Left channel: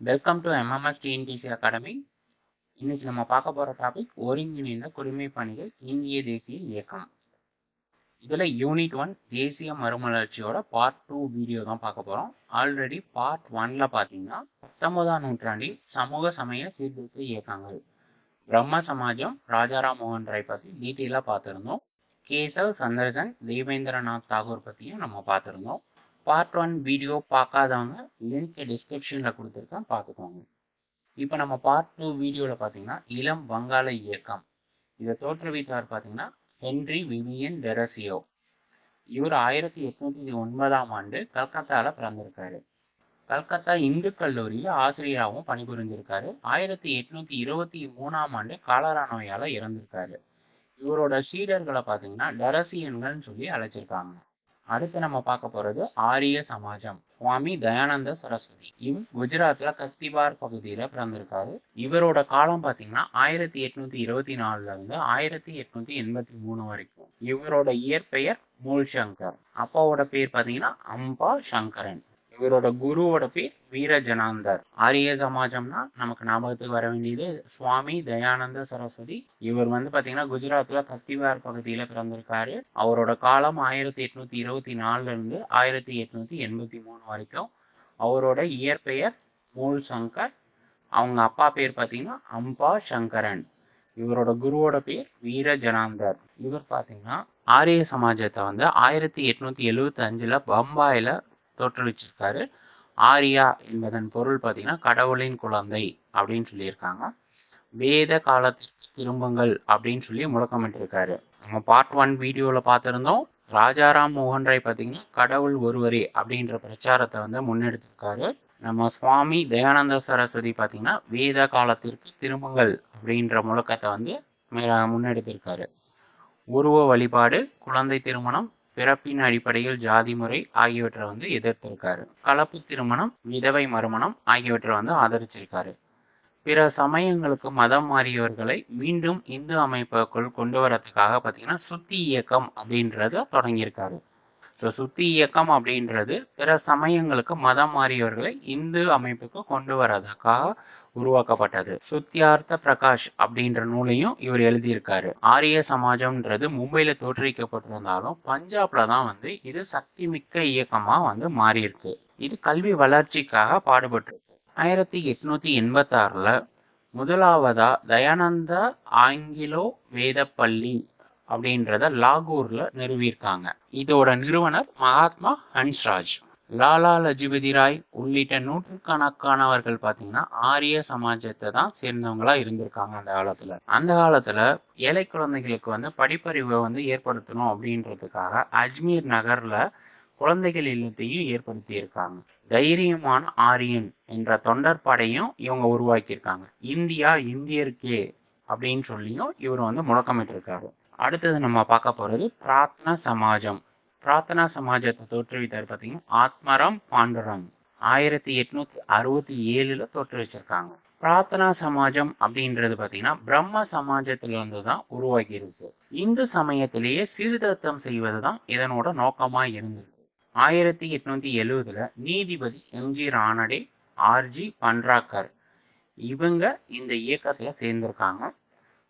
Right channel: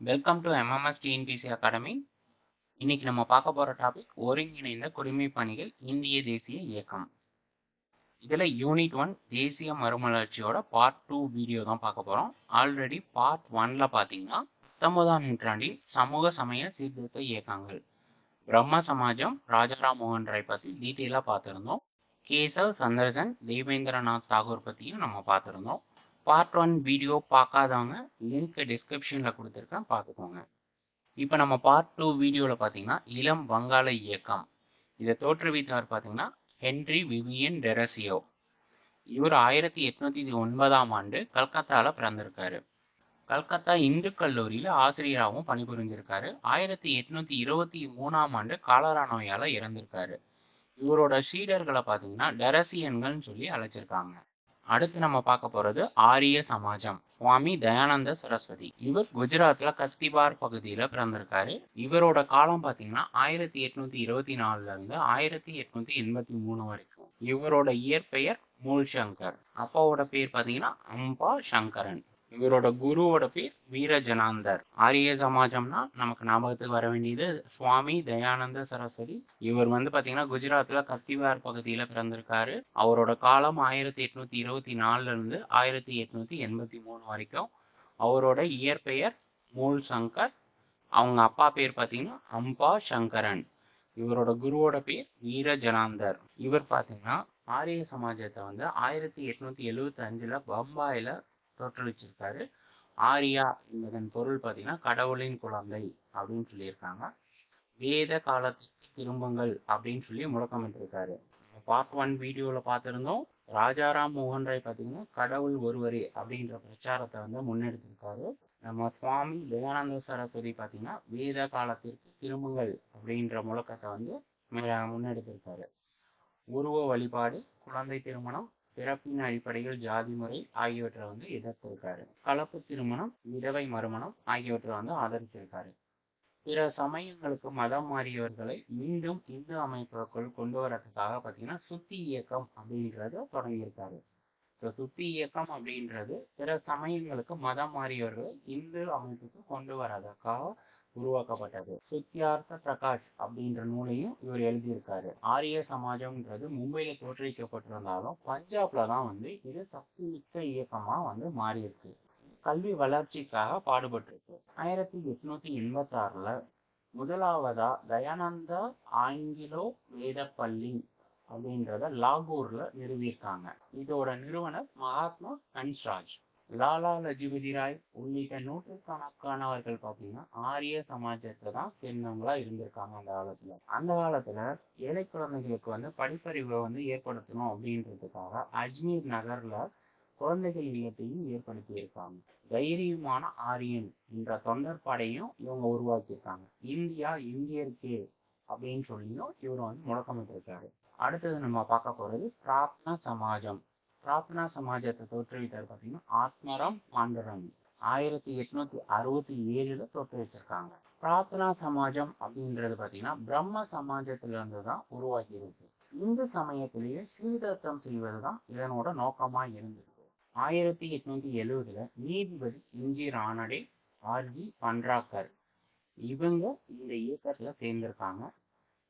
Welcome to MMS TNPSC academy இன்னைக்கு நம்ம பார்க்க போகிற டாபிக் ஒருங்கிணைந்த குடிமை பணிகள் இந்திய தேசிய இயக்கம். இதில் யூனிட் ஒன் தேசிய மறுமலர்ச்சியோட பார்ட் டூ வீடியோ தான் பார்க்க போகிறோம் ஆல்ரெடி பார்ட் ஒன்ல பார்த்தீங்கன்னா பத்தொன்பதாம் நூற்றாண்டின் சமூக சமய சீர்திருத்த இயக்கங்கள். பிரம்ம சமாஜம் ராஜாராம் மோகன் ராய் பற்றி டீட்டெயிலாக பார்த்துருந்தோம். கேசவ் சந்திரசன் தேவேந்திரநாத் தாகூர் பற்றியும் நம்ம பார்த்துருந்தோம். பார்ட் ஒன் வீடியோ பார்க்காதவங்க லிங்க் டிஸ்கிரிப்ஷனில் கொடுத்துருக்கேன் பார்த்துக்கோங்க. இப்போ நம்ம பார்ட் டூ வீடியோவில் பார்த்தீங்கன்னா இளம் வங்காள இயக்கம். இதை தோற்றுவித்தவர் பார்த்தீங்கன்னா ஹென்றி விவியன் டெரசியோ. இவர் ஆயிரத்தி எட்நூத்தி ஒன்பதாம் ஆண்டு கல்கத்தாவில் பிறந்திருக்காரு. கல்கத்தா இந்து கல்லூரியில் ஆசிரியராகவும் பணிபுரிஞ்சிருக்காரு. ஆயிரத்தி எட்நூத்தி இருபத்தி மூணாம் ஆண்டு காலரா நோயால் இறந்திருக்காரு. இவரோட சீடர்களை பார்த்தீங்கன்னா டெரசியன்கள்னு சொல்லி அழைச்சிருக்காங்க. அடுத்து நம்ம பார்க்க போறது ஆரிய சமாஜம். சுவாமி தயானந்த சரஸ்வதி. இவர் குஜராத்ல கஸ்திபார் பகுதியில பிறந்திருக்காரு. இவரோட காலம் பாத்தீங்கன்னா ஆயிரத்தி எட்நூத்தி இருபத்தி நாலுல இருந்து ஆயிரத்தி எட்நூத்தி எண்பத்தி மூணு வரைக்கும். இவரோட இயற்பெயர் மூல் சங்கர் அப்பாவோட பேர் பாத்தீங்கன்னா அம்பா சங்கரன். இவரோட குருவோட பேர் வீரஜனாந்தர். ஆரிய சமாஜம்னா நமக்கு ஞாபகத்துக்கு வர வேண்டியது சுவாமி தயானந்த சரஸ்வதி. இவர் வந்து பாத்தீங்கன்னா குஜராத்ல கத்திவார் பகுதியில பிறந்திருக்காரு. அவரோட காலம் ஆயிரத்தி எட்நூத்தி இருபத்தி நாலுல இருந்து ஆயிரத்தி எட்நூத்தி எண்பத்தி மூணு வரைக்கும் அவரோட இயற்பெயர் மூல் சங்கர் அவங்க அப்பா பேர் பாத்தீங்கன்னா அம்பா சங்கரன். இவரோட குருவோட பேர் வீரஜனாந்தர். இவர் பாத்தீங்கன்னா ஆரிய சமாஜத்தை வந்து ஆயிரத்தி எட்நூத்தி எழுவத்தி அஞ்சுல பம்பாயில தோற்றுவிச்சிருக்காரு. ஆரியா என்பதன் பொருள் பார்த்தீங்கன்னா கடவுளின் குழந்தை அப்படின்னு சொல்லியிருக்காங்க. வேத காலத்திற்கு திரும்புங்கள் அப்படின்னு சொல்லி முழக்கமிட்டிருக்காரு. நம்ம பார்ட் ஒன் வீடியோவில் பார்த்துருந்தோம். ராஜாராம் மோகன் ராய் பார்த்தீங்கன்னா கடவுள் ஒருவரே அப்படின்ற பிரச்சாரத்தை வந்து முன்னெடுத்திருக்காரு. நம்ம சுவாமி தயானந்த சரஸ்வதி பார்த்தீங்கன்னா வேத காலத்திற்கு திரும்புங்கள் அப்படின்ற முழக்கத்தை வந்து முன்னெடுத்திருக்காரு. உருவ வழிபாடு குழந்தை திருமணம் பிறப்பின் அடிப்படையில் ஜாதி முறை ஆகியவற்றை வந்து எதிர்த்திருக்காரு. கலப்பு திருமணம் விதவை மறுமணம் ஆகியவற்றை வந்து ஆதரிச்சிருக்காரு. பிற சமயங்களுக்கு மதம் மாறியவர்களை மீண்டும் இந்து அமைப்புக்குள் கொண்டு வரதுக்காக பார்த்தீங்கன்னா சுத்தி இயக்கம் அப்படின்றத தொடங்கியிருக்காரு. ஸோ சுத்தி இயக்கம் அப்படின்றது பிற சமயங்களுக்கு மதம் மாறியவர்களை இந்து அமைப்புக்கு கொண்டு வரதுக்காக உருவாக்கப்பட்டது. சுத்தியார்த்த பிரகாஷ் அப்படின்ற நூலையும் இவர் எழுதியிருக்காரு. ஆரிய சமாஜம்ன்றது மும்பையில தோற்றுவிக்கப்பட்டிருந்தாலும் பஞ்சாப்ல தான் வந்து இது சக்தி மிக்க இயக்கமா வந்து மாறியிருக்கு. இது கல்வி வளர்ச்சிக்காக பாடுபட்டிருக்கு. ஆயிரத்தி எட்நூத்தி எண்பத்தி ஆறுல முதலாவதா தயானந்தா ஆங்கிலோ வேதப்பள்ளி அப்படின்றத லாகூர்ல நிறுவியிருக்காங்க. இதோட நிறுவனர் மகாத்மா ஹன்ஸ்ராஜ் லாலா லஜபதி ராய் உள்ளிட்ட நூற்றுக்கணக்கானவர்கள் பார்த்தீங்கன்னா ஆரிய சமாஜத்தை தான் சேர்ந்தவங்களா இருந்திருக்காங்க அந்த காலத்துல. அந்த காலத்துல ஏழை குழந்தைகளுக்கு வந்து படிப்பறிவை வந்து ஏற்படுத்தணும் அப்படின்றதுக்காக அஜ்மீர் நகர்ல குழந்தைகள் இல்லத்தையும் ஏற்படுத்தி இருக்காங்க தைரியமான ஆரியன் என்ற தொண்டர் படையும் இவங்க உருவாக்கியிருக்காங்க. இந்தியா இந்தியருக்கே அப்படின்னு சொல்லியும் இவர் வந்து முழக்கமிட்டிருக்காரு. அடுத்தது நம்ம பார்க்க போகிறது பிரார்த்தனா சமாஜம். பிரார்த்தனா சமாஜத்தை தோற்றுவித்தார் பார்த்தீங்கன்னா ஆத்மரம் பாண்டுரம். ஆயிரத்தி எட்நூத்தி அறுபத்தி ஏழுல தோற்றுவிச்சிருக்காங்க பிரார்த்தனா சமாஜம் அப்படின்றது பார்த்தீங்கன்னா பிரம்ம சமாஜத்திலிருந்து தான் உருவாகி இருக்கு இந்து சமயத்திலேயே சீர்திருத்தம் செய்வது தான் இதனோட நோக்கமா இருந்தது ஆயிரத்தி எட்நூத்தி எழுவதுல நீதிபதி எம்ஜி ராணடே ஆர்ஜி பன்ராக்கர் இவங்க இந்த இயக்கத்துல சேர்ந்திருக்காங்க.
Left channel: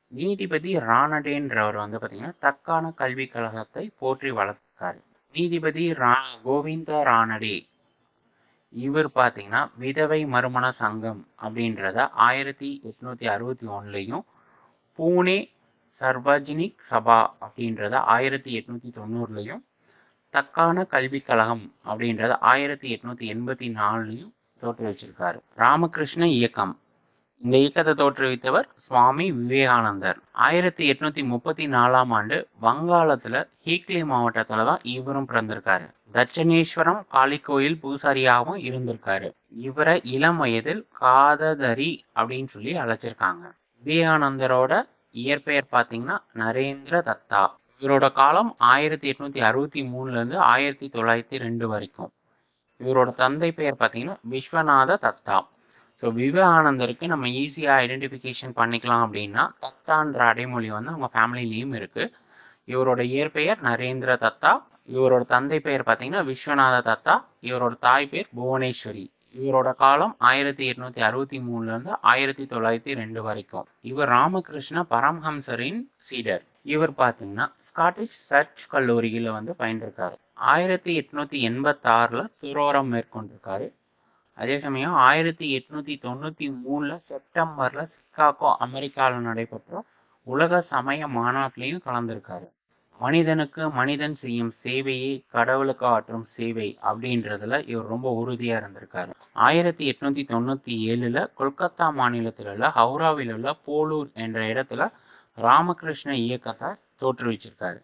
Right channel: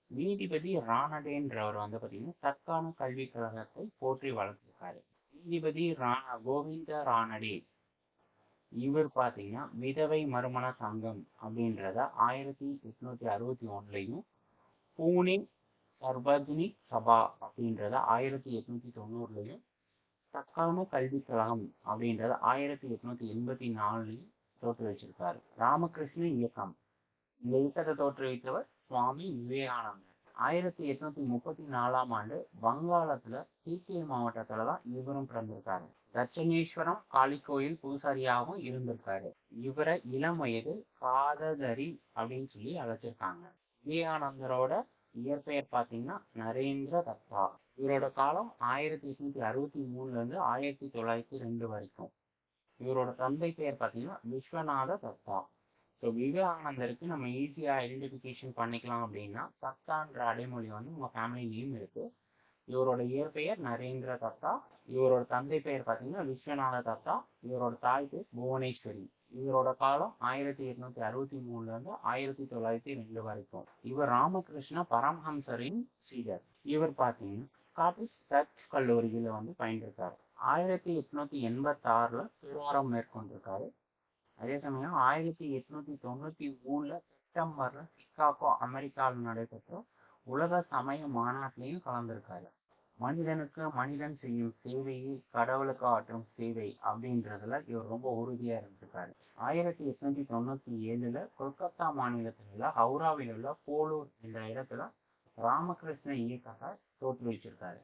நீதிபதி ராணடேன்றவர் வந்து பார்த்தீங்கன்னா தக்கான கல்விக் கழகத்தை போற்றி வளர்த்திருக்காரு. நீதிபதி ரா கோவிந்த ராணடே இவர் பார்த்தீங்கன்னா விதவை மறுமண சங்கம் அப்படின்றத ஆயிரத்தி எட்நூத்தி அறுபத்தி ஒன்றுலையும் பூனே சர்வஜினிக் சபா அப்படின்றத ஆயிரத்தி எட்நூத்தி தொண்ணூறுலையும் தக்கான கல்விக் கழகம் அப்படின்றத ஆயிரத்தி எட்நூத்தி எண்பத்தி நாலுலையும் தோற்றுவிச்சிருக்காரு. ராமகிருஷ்ண இயக்கம். இந்த இயக்கத்தை தோற்றுவித்தவர் சுவாமி விவேகானந்தர். ஆயிரத்தி எட்நூத்தி முப்பத்தி நாலாம் ஆண்டு வங்காளத்துல ஹீக்லி மாவட்டத்துல தான் இவரும் பிறந்திருக்காரு. தட்சணேஸ்வரம் காளி கோயில் பூசாரியாகவும் இருந்திருக்காரு. இவரை இளம் வயதில் காததரி அப்படின்னு சொல்லி அழைச்சிருக்காங்க. விவேகானந்தரோட இயற்பெயர் பார்த்தீங்கன்னா நரேந்திர தத்தா. இவரோட காலம் ஆயிரத்தி எட்நூத்தி அறுபத்தி மூணுல இருந்து ஆயிரத்தி தொள்ளாயிரத்தி ரெண்டு வரைக்கும். இவரோட தந்தை பெயர் பார்த்தீங்கன்னா விஸ்வநாத தத்தா. ஸோ விவேகானந்தருக்கு நம்ம ஈஸியாக ஐடென்டிஃபிகேஷன் பண்ணிக்கலாம் அப்படின்னா தத்தான்ற அடைமொழி வந்து அவங்க ஃபேமிலிலேயும் இருக்குது இவரோட இயற்பெயர் நரேந்திர தத்தா. இவரோட தந்தை பெயர் பார்த்தீங்கன்னா விஸ்வநாத தத்தா. இவரோட தாய் பேர் புவனேஸ்வரி. இவரோட காலம் ஆயிரத்தி எட்நூத்தி அறுபத்தி மூணுலேருந்து ஆயிரத்தி தொள்ளாயிரத்தி ரெண்டு வரைக்கும். இவர் ராமகிருஷ்ண பரமஹம்சரின் சீடர். இவர் பார்த்தீங்கன்னா ஸ்காட்டிஷ் சர்ச் கல்லூரியில் வந்து பயின்றிருக்காரு. ஆயிரத்தி எட்நூத்தி எண்பத்தாறில் துரோரம் மேற்கொண்டிருக்காரு. அதே சமயம் ஆயிரத்தி எட்நூத்தி தொண்ணூத்தி மூணுல செப்டம்பர்ல சிக்காகோ அமெரிக்காவில் நடைபெற்ற உலக சமய மாநாட்டிலையும் கலந்திருக்காரு. மனிதனுக்கு மனிதன் செய்யும் சேவையை கடவுளுக்கு ஆற்றும் சேவை அப்படின்றதுல இவர் ரொம்ப உறுதியா இருந்திருக்காரு. ஆயிரத்தி எட்நூத்தி தொண்ணூத்தி ஏழுல கொல்கத்தா மாநிலத்தில் உள்ள ஹவுராவில் உள்ள போலூர் என்ற இடத்துல ராமகிருஷ்ண இயக்கத்தை தோற்றுவிச்சிருக்காரு.